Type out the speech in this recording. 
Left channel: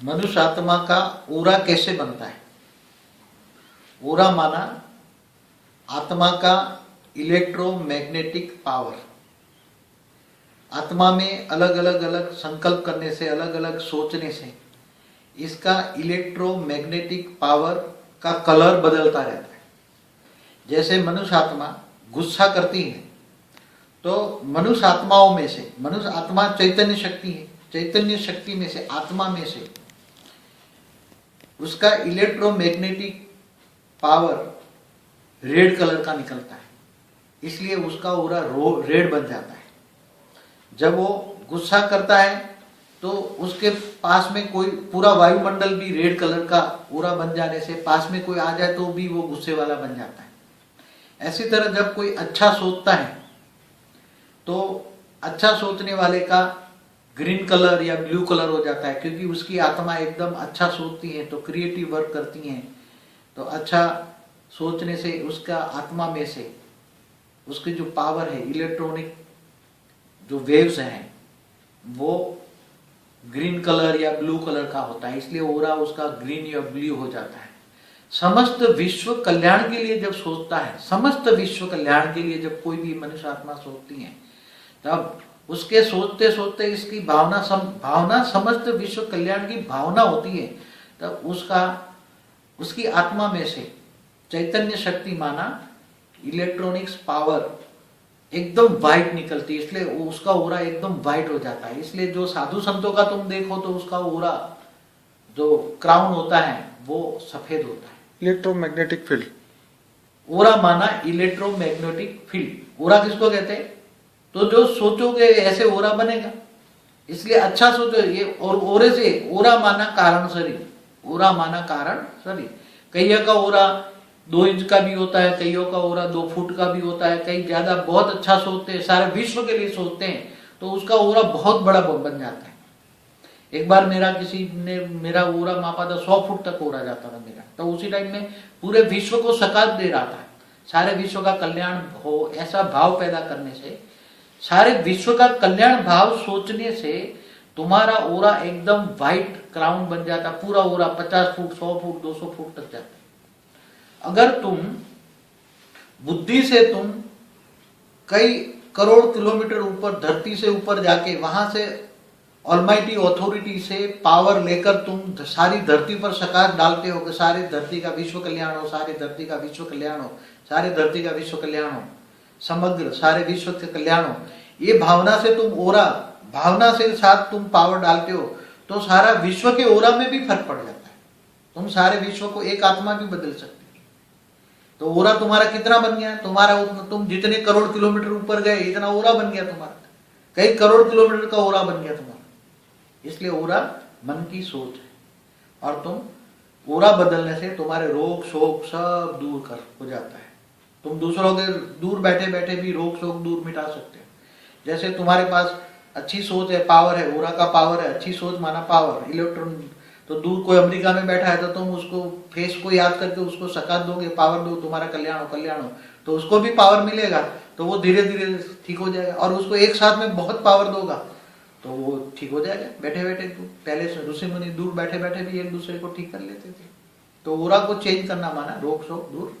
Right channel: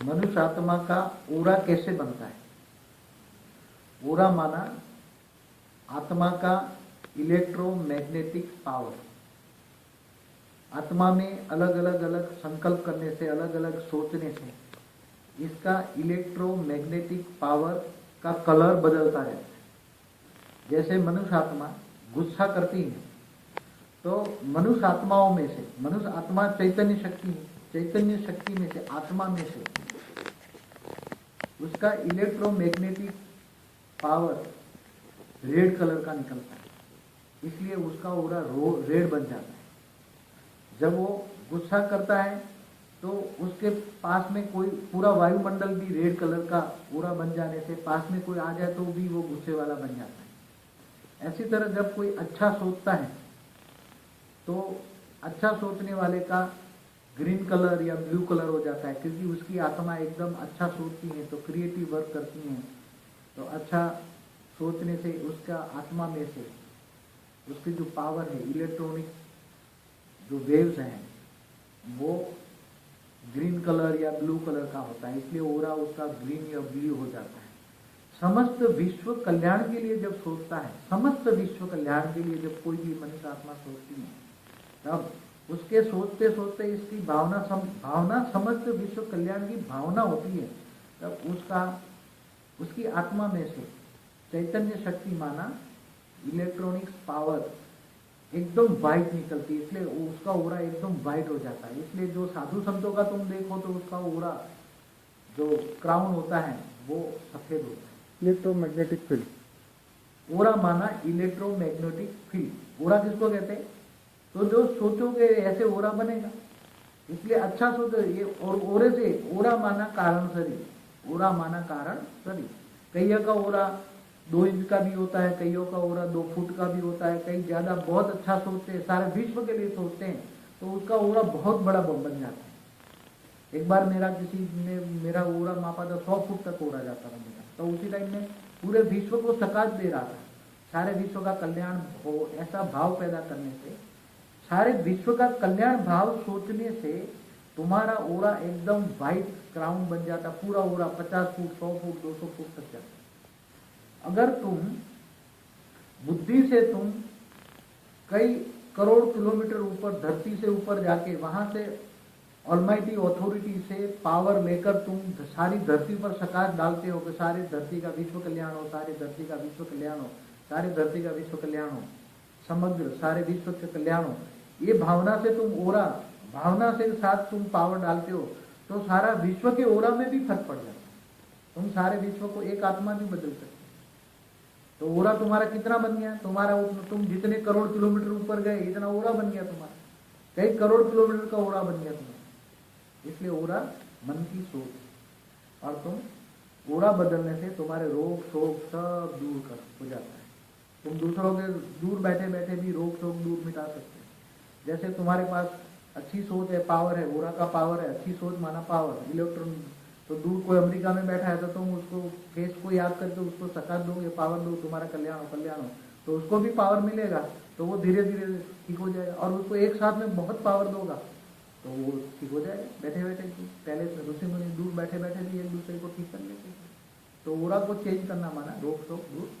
मनुष्य आत्मा का ओरा कैसे बनता है? ओरा माना आत्मा का इलेक्ट्रोमैग्नेटिक पावर। आत्मा में अलग अलग संकल्प करने से, अलग अलग सोचने से इसका इलेक्ट्रोमैग्नेटिक पावर का कलर बदलता रहता है। जैसे मनुष्य आत्मा गुस्सा करती है तो मनुष्य आत्माओं में से, मनुष्य आत्मा चैतन्य शक्ति है, चैतन्य शक्ति में से, आत्मा में से उसका इलेक्ट्रोमैग्नेटिक पावर रेड कलर का निकलता है, इसलिए उसका ओरा रेड बन जाता है। जब वो गुस्सा करता है तो उसके पास में कोई पूरा वायुमंडल भी रेड कलर का ओरा बन जाने से, पास में कोई आ जाए तो भी वो गुस्से वाला बन जाता है। ऐसी तरह जब कोई अच्छा सोचता है तो अच्छा सोचने वाले का ग्रीन कलर या ब्लू कलर हो जाता है, क्योंकि उसकी आत्मा एकदम अच्छा सोचती है तो क्रिएटिव वर्क करती हैं। तो अच्छा सोचने से उसका आत्मा में से उसकी जो पावर है, इलेक्ट्रॉनिक जो वेव्स हैं, वो ग्रीन कलर या ब्लू कलर का होता है, इसलिए ओरा उसका ग्रीन या ब्लू हो जाता है। समस्त विश्व कल्याण के लिए जब सोचता है, समस्त विश्व कल्याण के लिए जब कोई भी मनुष्य आत्मा सोचती है, तब उसके सोचते सोचते इसकी भावना समस्त विश्व कल्याण की भावना होती है, तब उसकी आत्मा में से चैतन्य शक्ति माना इलेक्ट्रॉनिक्स पावर एकदम वाइट निकलती है, इसलिए उसका ओरा एकदम वाइट हो जाता है। इसलिए जो साधु संतों का तुम देखो तो उसका ओरा जो क्राउन होता है वो सफेद होता है। इलेक्ट्रोमैग्नेटिक फील्ड, ओरा माना इलेक्ट्रोमैग्नेटिक फील्ड। ओरा किसको कहते हैं? तो जो सोचोगे ऐसे ओरा बनेगा, इसलिए अच्छा सोचो। ये और ओरे से, ओरा माना कारण शरीर, ओरा माना कारण शरीर। कईयों का ओरा 2 इंच का भी होता है, कईयों का ओरा 2 फुट का भी होता है। कई ज्यादा बहुत अच्छा सोचते हैं, सारे विश्व के लिए सोचते हैं, तो उसका ओरा बहुत बड़ा बन जाता है। एक बार किसी ने मेरा ओरा मापा था, 100 फुट तक ओरा जाता था मेरा। तो उसी टाइम में पूरे विश्व को सकात दे रहा था, सारे विश्व का कल्याण हो, ऐसा भाव पैदा करने से, सारे विश्व का कल्याण भाव सोचने से तुम्हारा ओरा एकदम व्हाइट क्राउन बन जाता। पूरा ओरा 50 फुट, 100 फुट, 200 फुट तक जाता। अगर तुम बुद्धि से तुम कई करोड़ किलोमीटर ऊपर, धरती से ऊपर जाके वहां से ऑलमाइटी अथॉरिटी से पावर लेकर तुम सारी धरती पर सकाश डालते हो कि सारी धरती का विश्व कल्याण हो, सारी धरती का विश्व कल्याण हो, सारी धरती का विश्व कल्याण हो, समग्र सारे विश्व के कल्याण हो, ये भावना से तुम ओरा, भावना से साथ तुम पावर डालते हो, तो सारा विश्व के ओरा में भी फर्क पड़ जाता है। तुम सारे विश्व को एक आत्मा भी बदल सकते हो। तो ओरा तुम्हारा कितना बन गया? तुम्हारा तुम जितने करोड़ किलोमीटर ऊपर गए, इतना ओरा बन गया तुम्हारा। कई करोड़ किलोमीटर का ओरा बन गया तुम्हारा। इसलिए ओरा मन की सोच है, और तुम ओरा बदलने से तुम्हारे रोग शोक सब दूर कर हो जाता है। तुम दूसरों के दूर बैठे बैठे भी रोग शोक दूर मिटा सकते हो। जैसे तुम्हारे पास अच्छी सोच है, पावर है, ओरा का पावर है, अच्छी सोच माना पावर, इलेक्ट्रॉन। तो दूर कोई अमेरिका में बैठा है तो तुम उसको फेस को याद करके उसको सकात दोगे, पावर दो, तुम्हारा कल्याण हो, कल्याण हो, तो उसको भी पावर मिलेगा, तो वो धीरे धीरे ठीक हो जाएगा। और उसको एक साथ में बहुत पावर दोगा तो वो ठीक हो जाएगा बैठे बैठे। पहले से ऋषि मुनि दूर बैठे बैठे भी एक दूसरे को ठीक कर लेते थे। तो ओरा को चेंज करना माना रोग शोक दूर